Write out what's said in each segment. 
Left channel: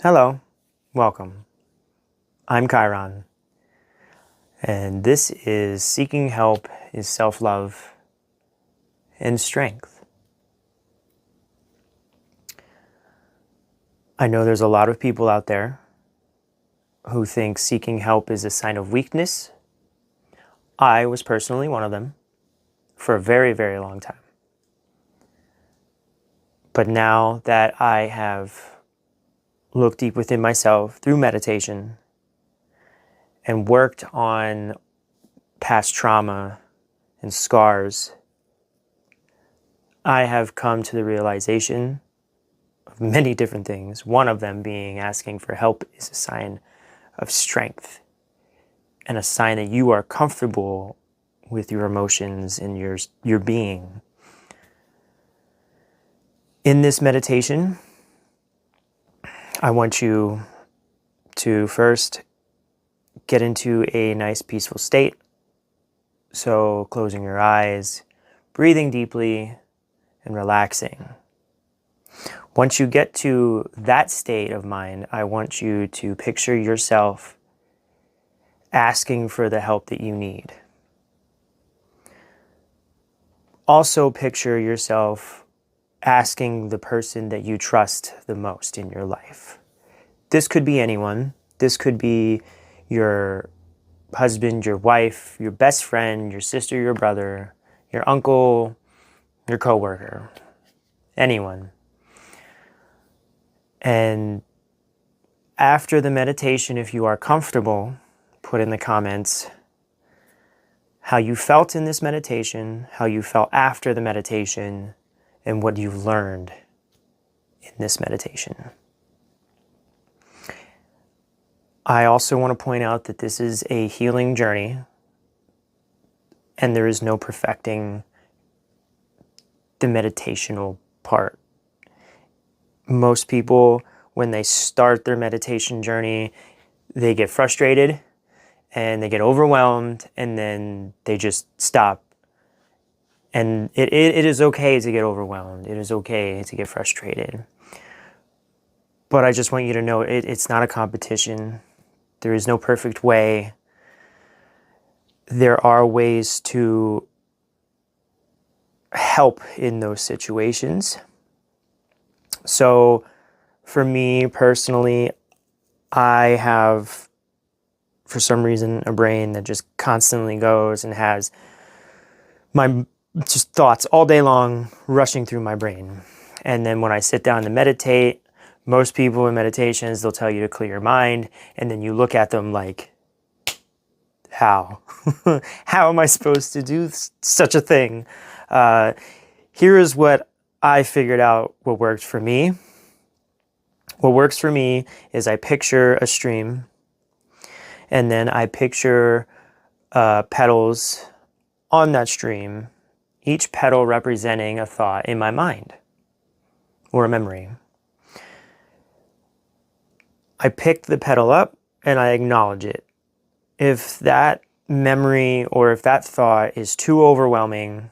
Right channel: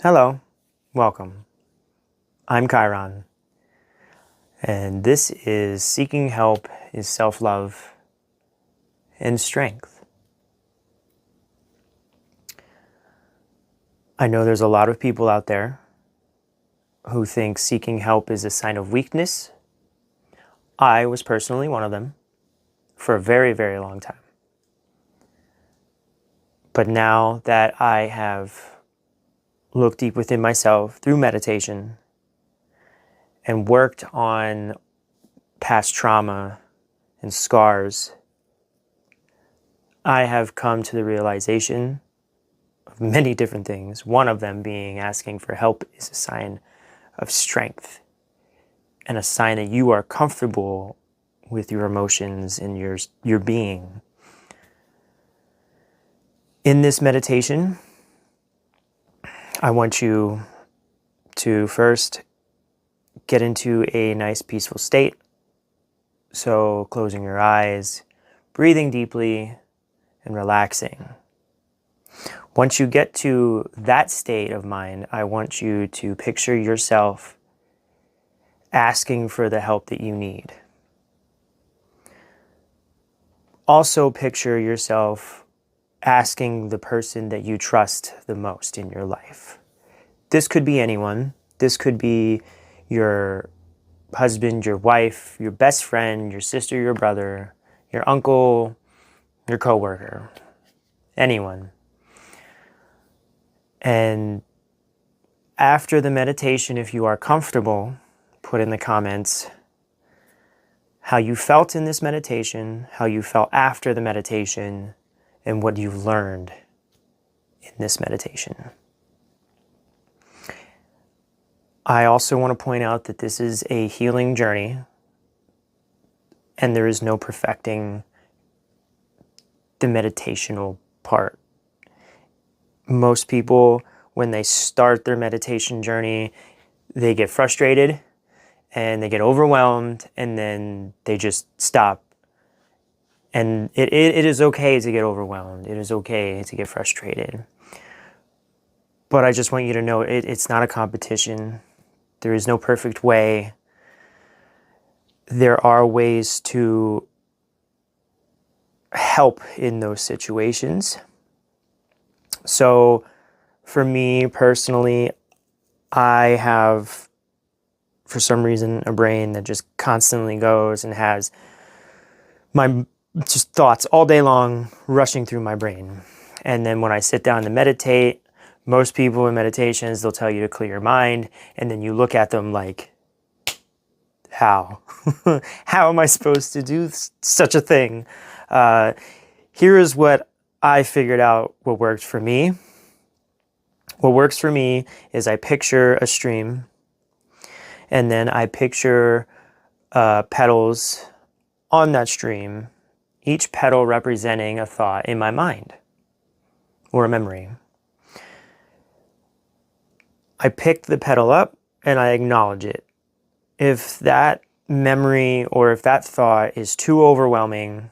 Hello, welcome. I'm Kheiron, and this is Seeking Help is Self-Love and Strength. I know there's a lot of people out there who think seeking help is a sign of weakness. I was personally one of them for a very, very long time. But now that I have looked deep within myself through meditation and worked on past trauma and scars, I have come to the realization of many different things. One of them being asking for help is a sign of strength and a sign that you are comfortable with your emotions and your being. In this meditation, I want you to first get into a nice peaceful state. So closing your eyes, breathing deeply, and relaxing. Once you get to that state of mind, I want you to picture yourself asking for the help that you need. Also picture yourself asking the person that you trust the most in your life. This could be anyone. This could be your husband, your wife, your best friend, your sister, your brother, your uncle, your coworker, anyone. And after the meditation, if you are comfortable, put in the comments how you felt in this meditation, how you felt after the meditation, and what you've learned in this meditation. I also want to point out that this is a healing journey, and there is no perfecting the meditational part. Most people, when they start their meditation journey, they get frustrated and they get overwhelmed, and then they just stop. And it is okay to get overwhelmed. It is okay to get frustrated. But I just want you to know it's not a competition. There is no perfect way. There are ways to help in those situations. So for me personally, I have, for some reason, a brain that just constantly goes and has my just thoughts all day long rushing through my brain. And then when I sit down to meditate, most people in meditations, they'll tell you to clear your mind, and then you look at them like, how? How am I supposed to do such a thing? Here is what I figured out what worked for me. What works for me is I picture a stream, and then I picture petals on that stream, each petal representing a thought in my mind or a memory. I pick the petal up and I acknowledge it. If that memory or if that thought is too overwhelming,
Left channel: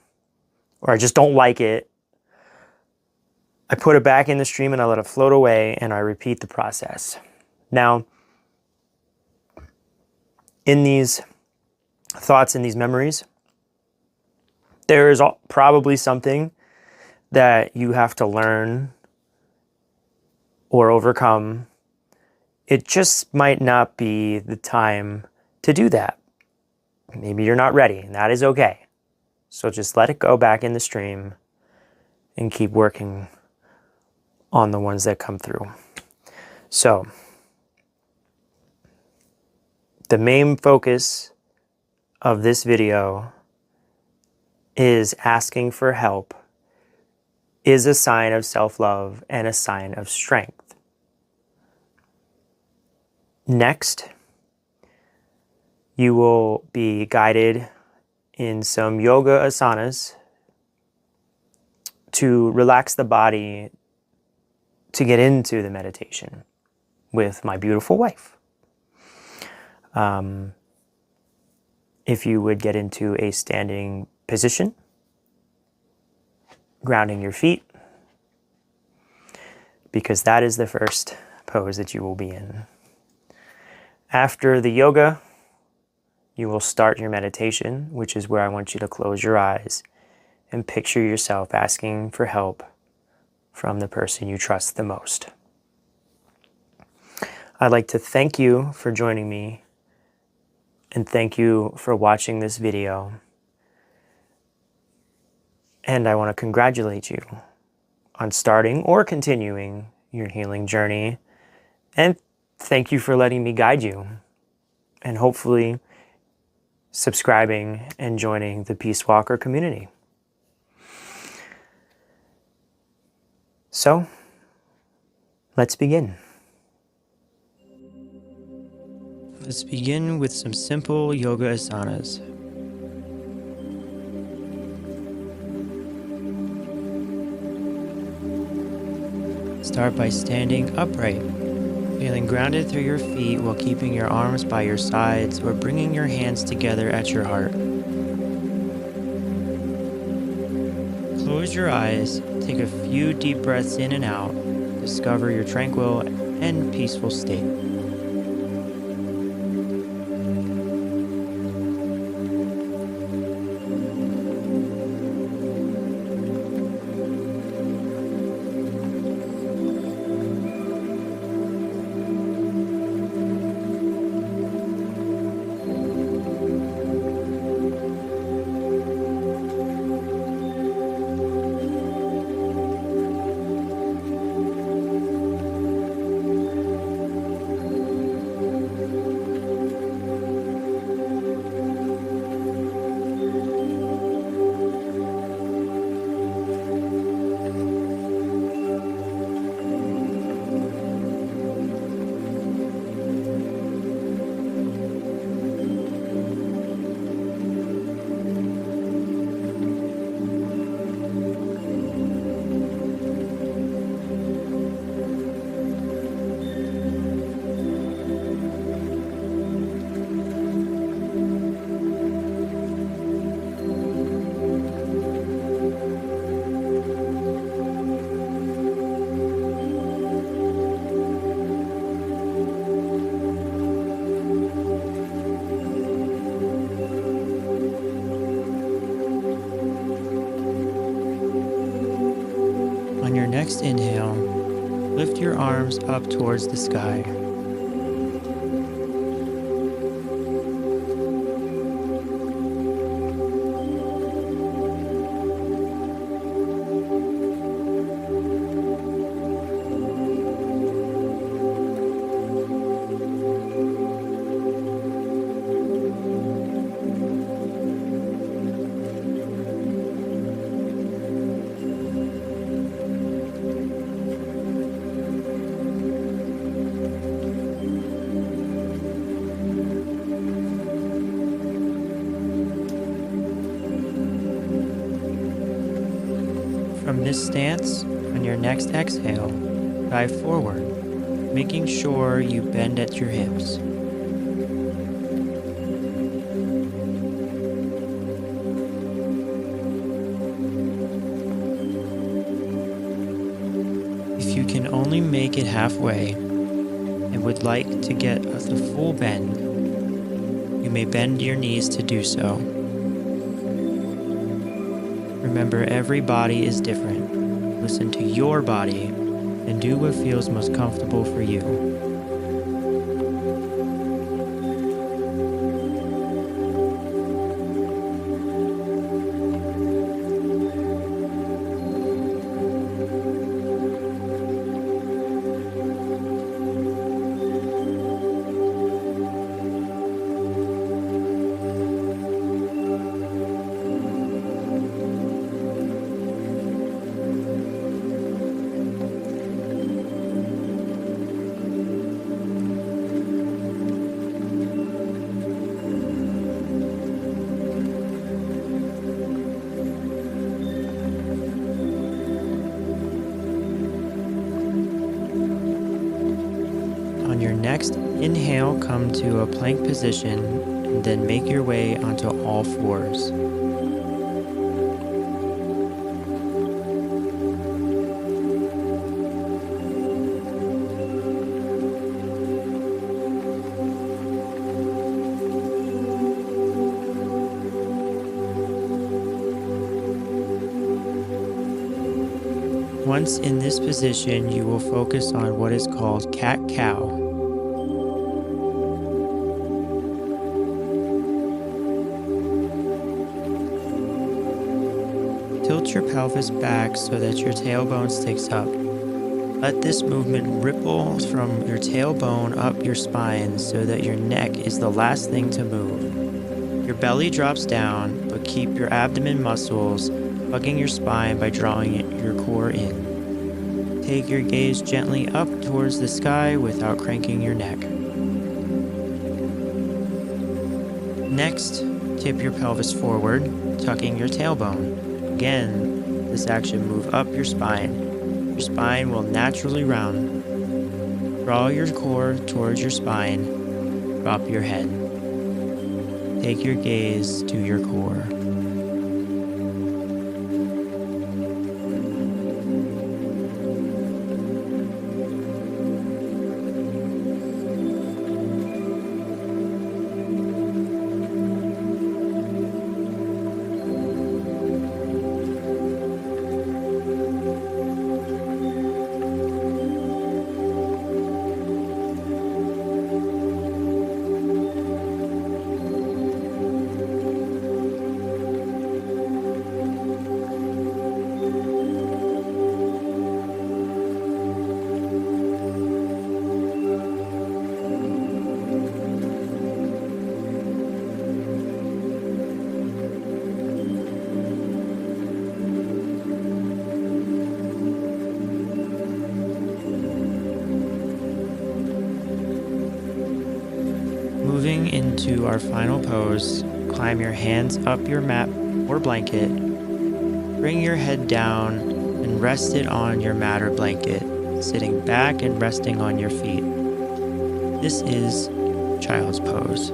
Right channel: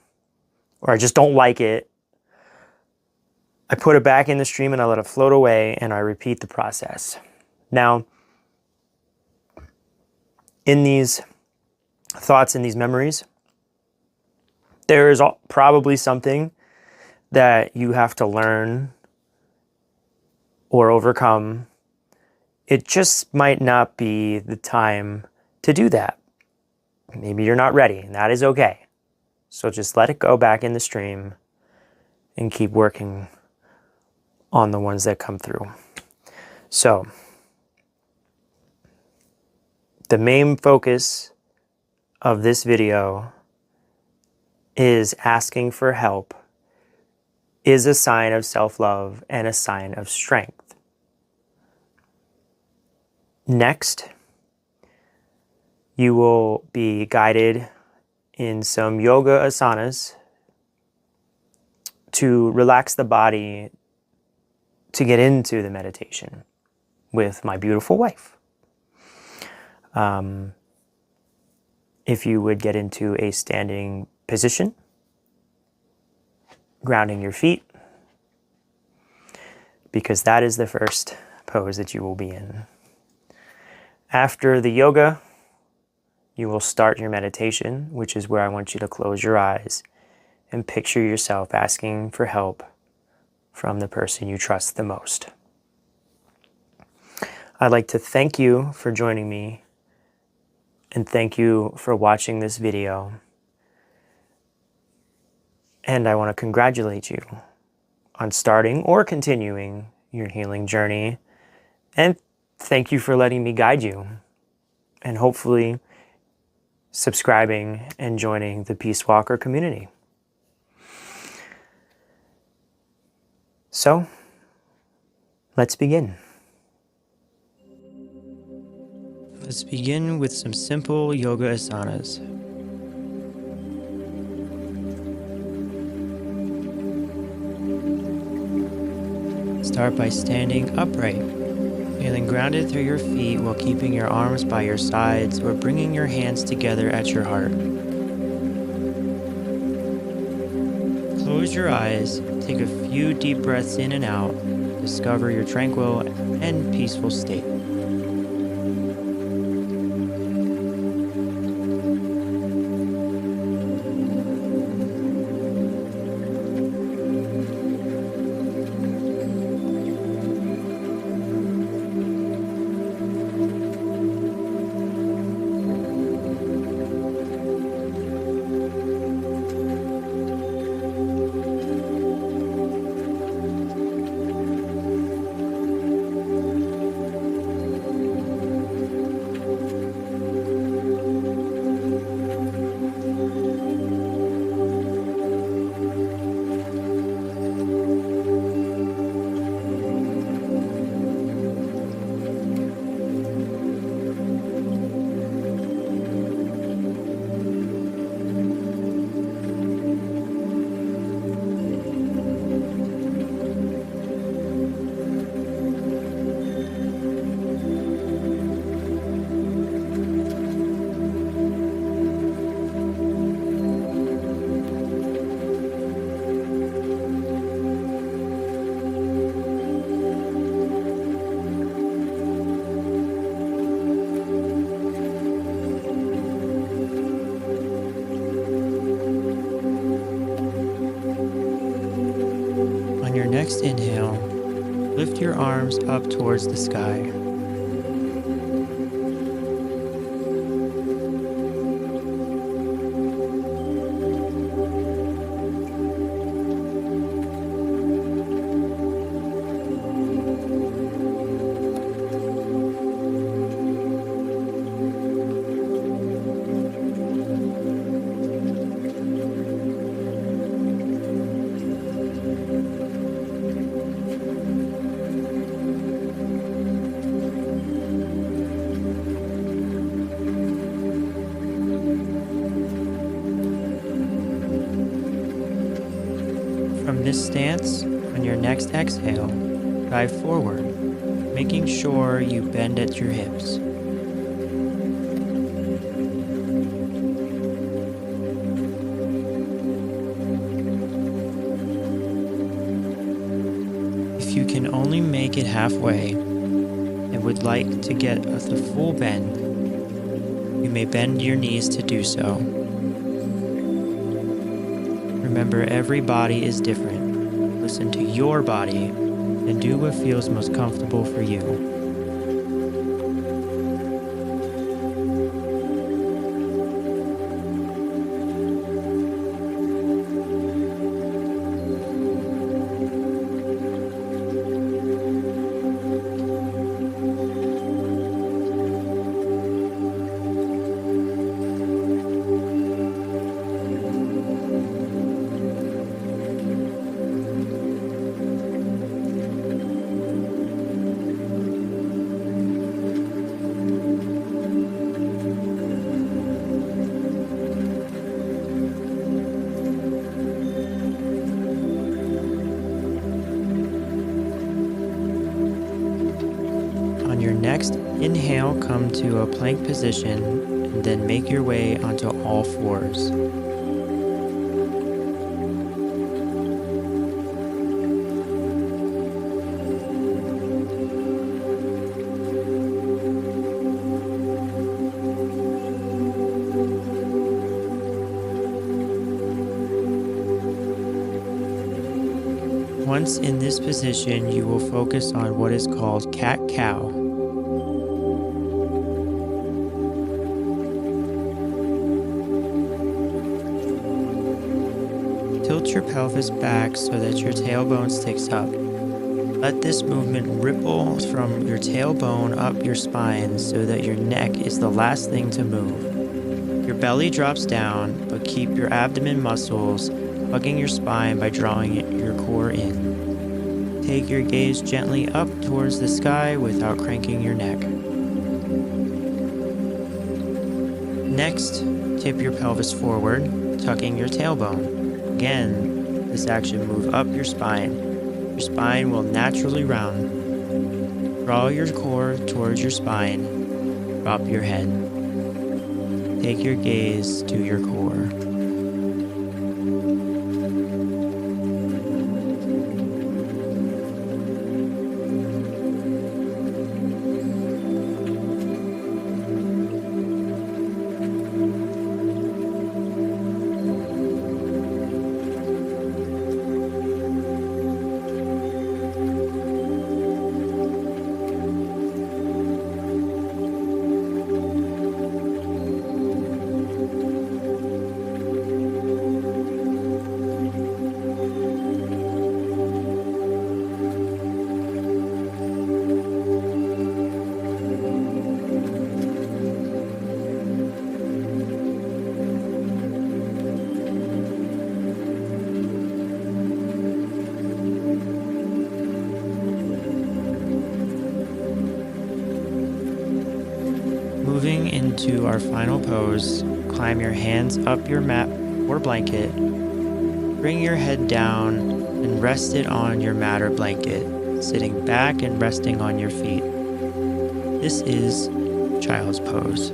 or I just don't like it, I put it back in the stream and I let it float away, and I repeat the process. Now, in these thoughts and these memories, there is probably something that you have to learn or overcome. It just might not be the time to do that. Maybe you're not ready, and that is okay. So just let it go back in the stream and keep working on the ones that come through. So the main focus of this video is asking for help is a sign of self-love and a sign of strength. Next, you will be guided in some yoga asanas to relax the body to get into the meditation with my beautiful wife. If you would get into a standing position, grounding your feet, because that is the first pose that you will be in. After the yoga, you will start your meditation, which is where I want you to close your eyes and picture yourself asking for help from the person you trust the most. I'd like to thank you for joining me and thank you for watching this video. And I want to congratulate you on starting or continuing your healing journey. And thank you for letting me guide you and hopefully subscribing and joining the Peace Walker community. So, let's begin. Let's begin with some simple yoga asanas. Start by standing upright, feeling grounded through your feet while keeping your arms by your sides or bringing your hands together at your heart. Close your eyes, take a few deep breaths in and out, discover your tranquil and peaceful state. On your next inhale, lift your arms up towards the sky. From this stance, on your next exhale, dive forward, making sure you bend at your hips. If you can only make it halfway and would like to get the full bend, you may bend your knees to do so. Remember, every body is different. Listen to your body and do what feels most comfortable for you. On your next inhale, come to a plank position and then make your way onto all fours. Once in this position, you will focus on what is called cat-cow. Tilt your pelvis back so that your tailbone sticks up. Let this movement ripple from your tailbone up your spine so that your neck is the last thing to move. Your belly drops down, but keep your abdomen muscles hugging your spine by drawing your core in. Take your gaze gently up towards the sky without cranking your neck. Next, tip your pelvis forward, tucking your tailbone. Again, this action moves up your spine. Your spine will naturally round. Draw your core towards your spine. Drop your head. Take your gaze to your core. Moving into our final pose, climb your hands up your mat or blanket. Bring your head down and rest it on your mat or blanket, sitting back and resting on your feet. This is child's pose.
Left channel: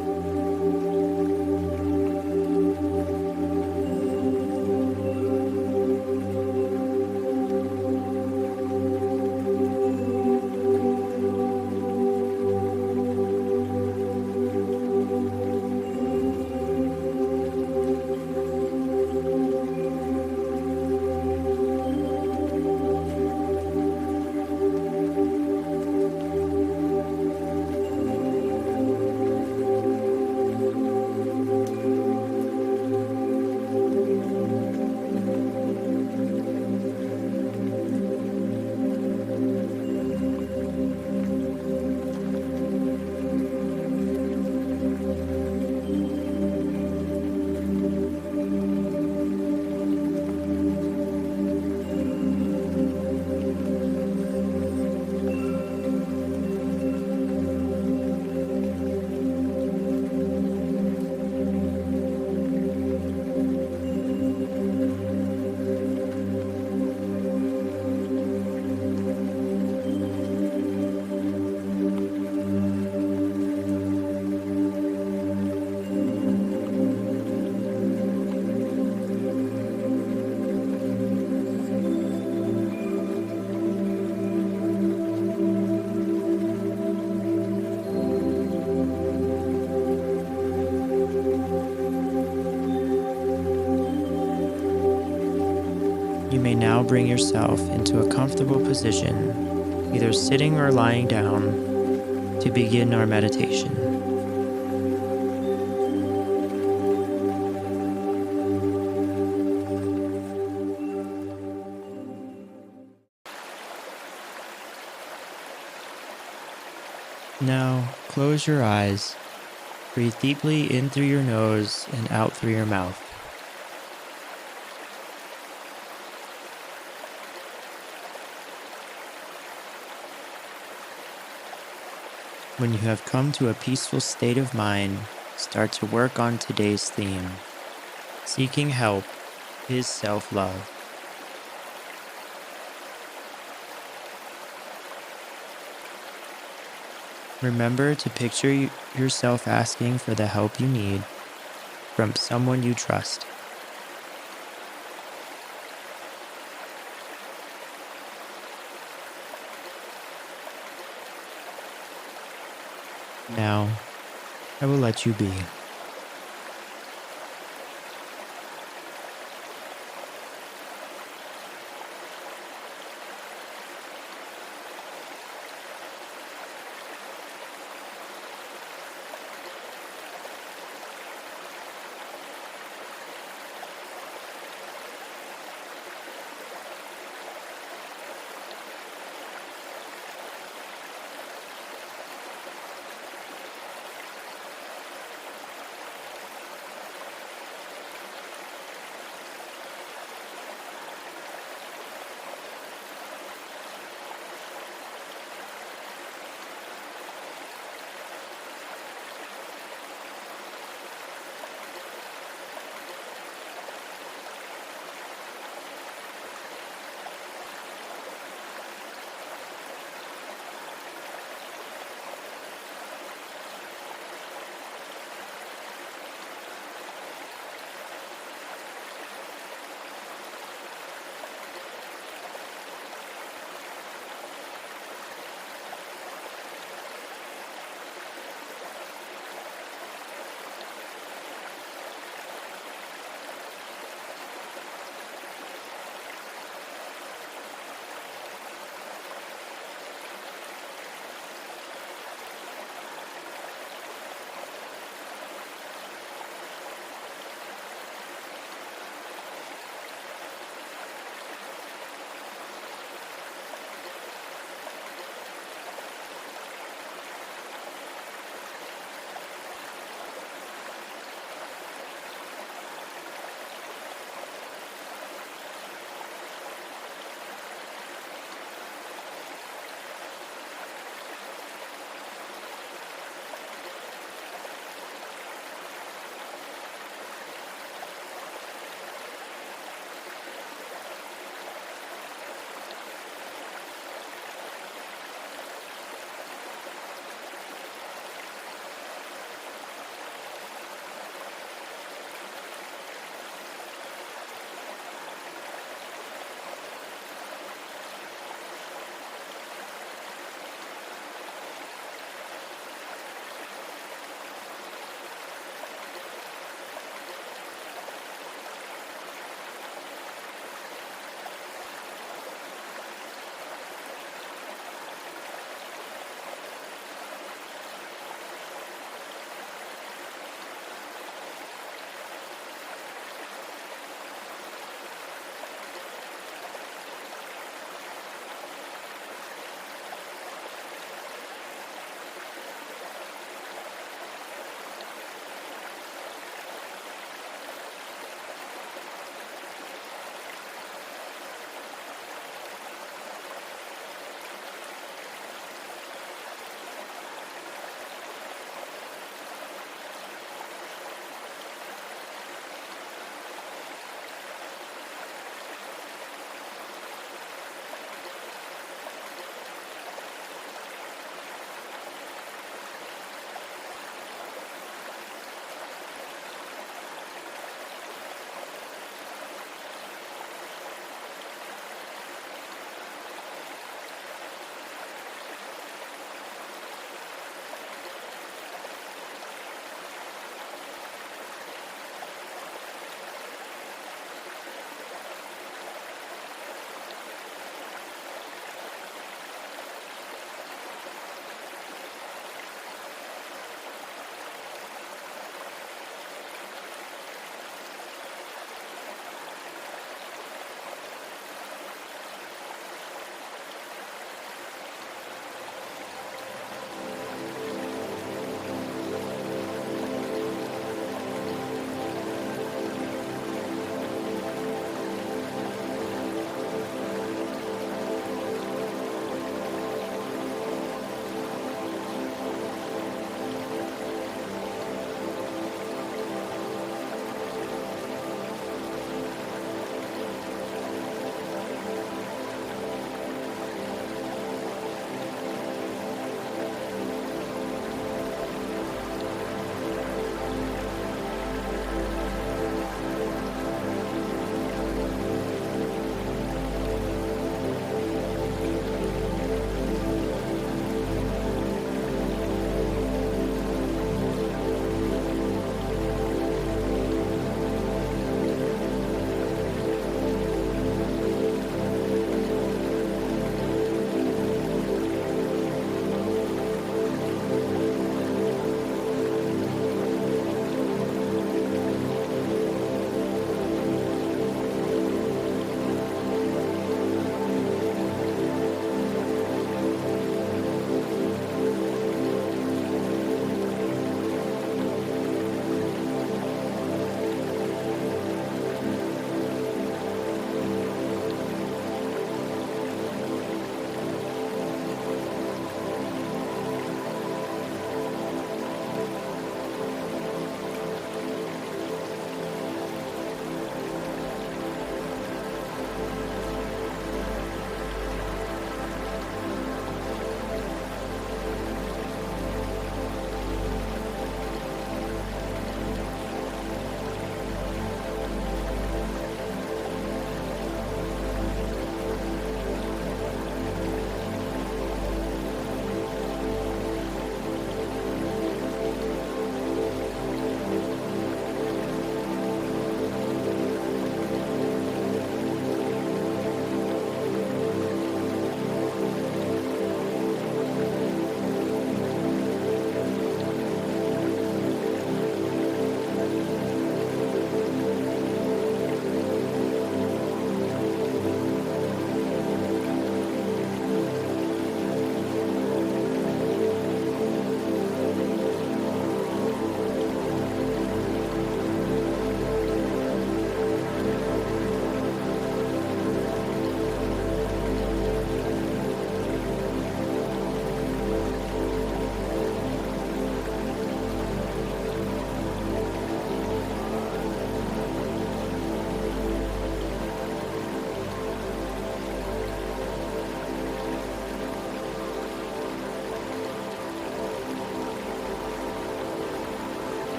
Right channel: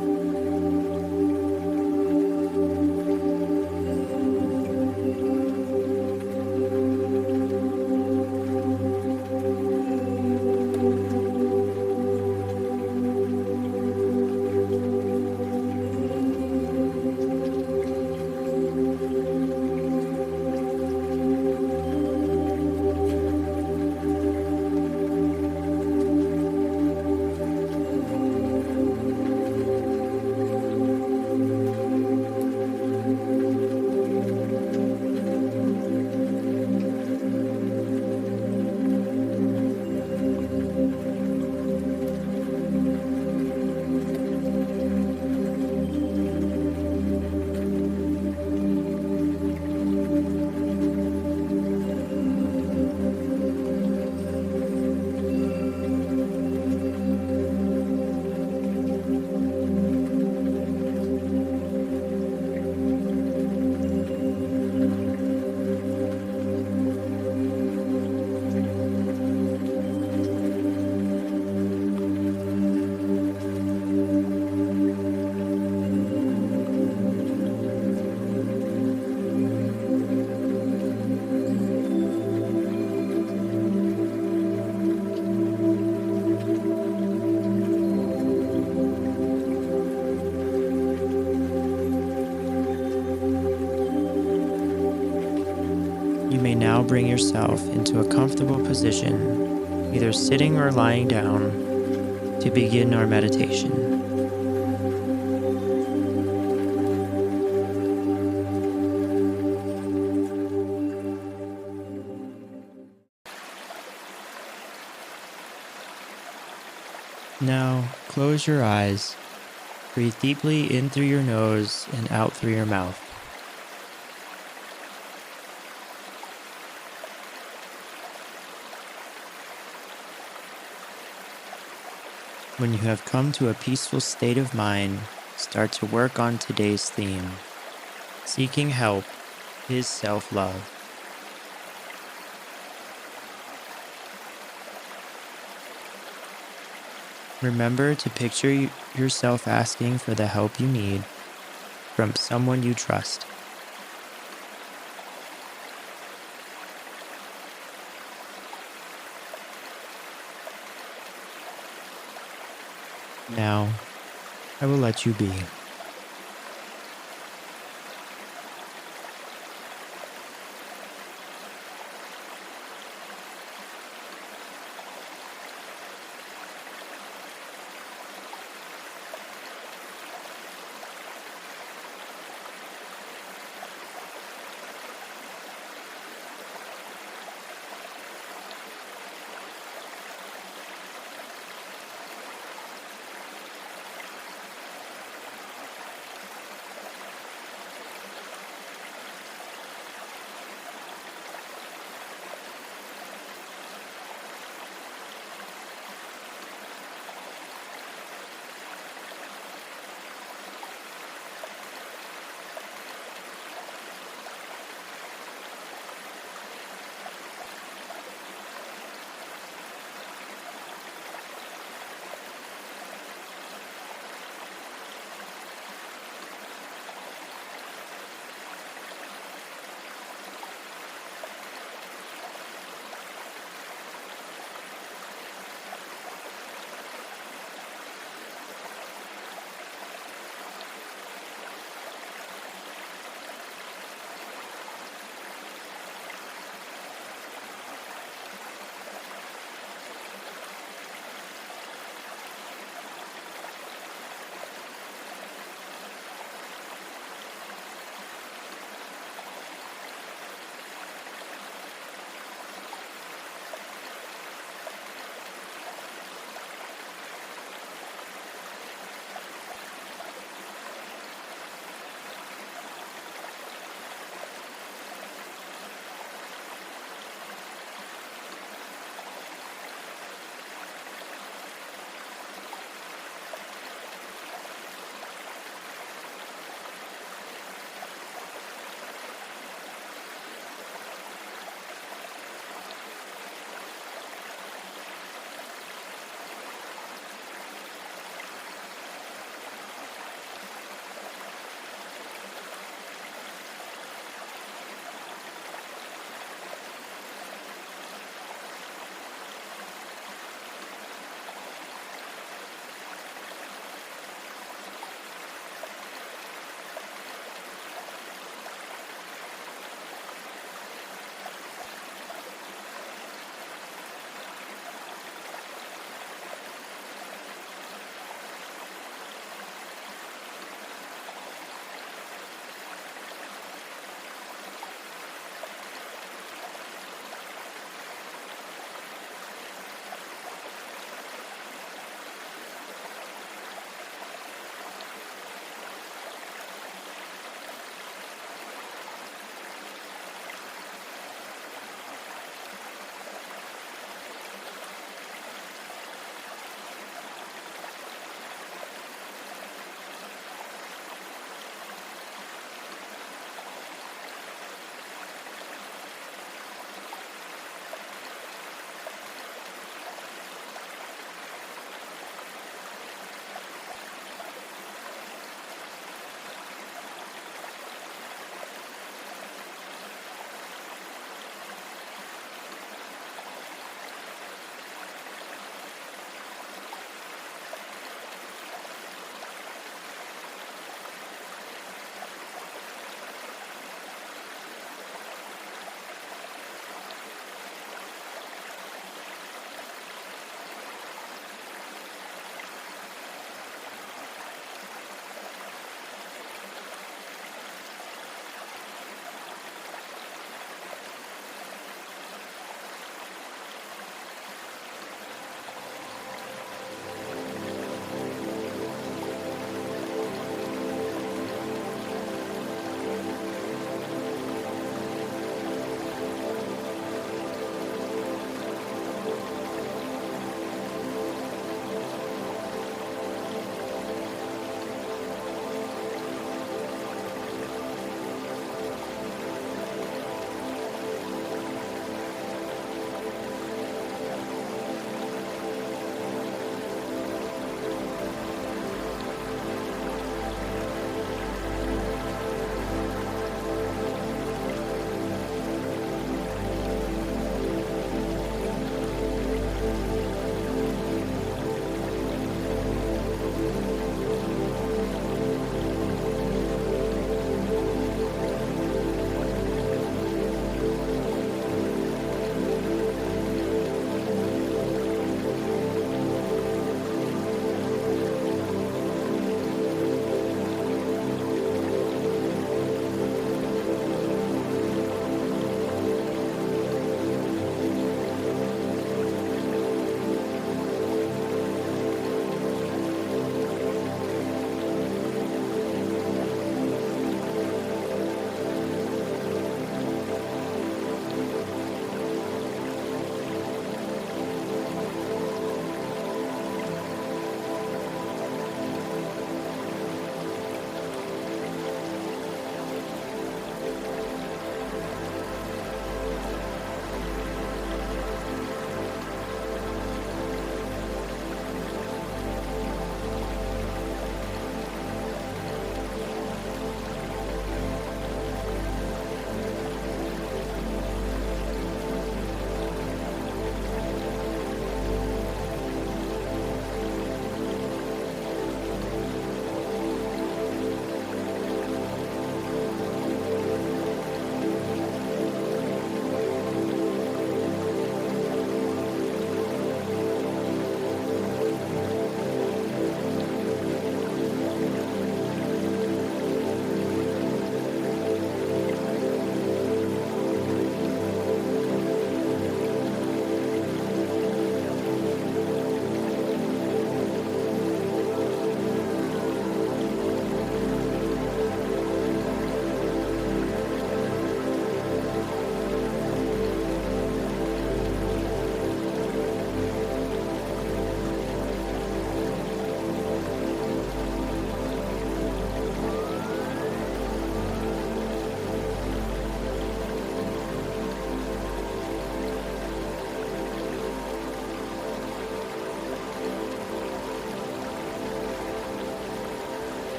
You may now bring yourself into a comfortable position, either sitting or lying down, to begin our meditation. Now, close your eyes. Breathe deeply in through your nose and out through your mouth. When you have come to a peaceful state of mind, start to work on today's theme. Seeking help is self-love. Remember to picture yourself asking for the help you need from someone you trust. Now, I will let you be.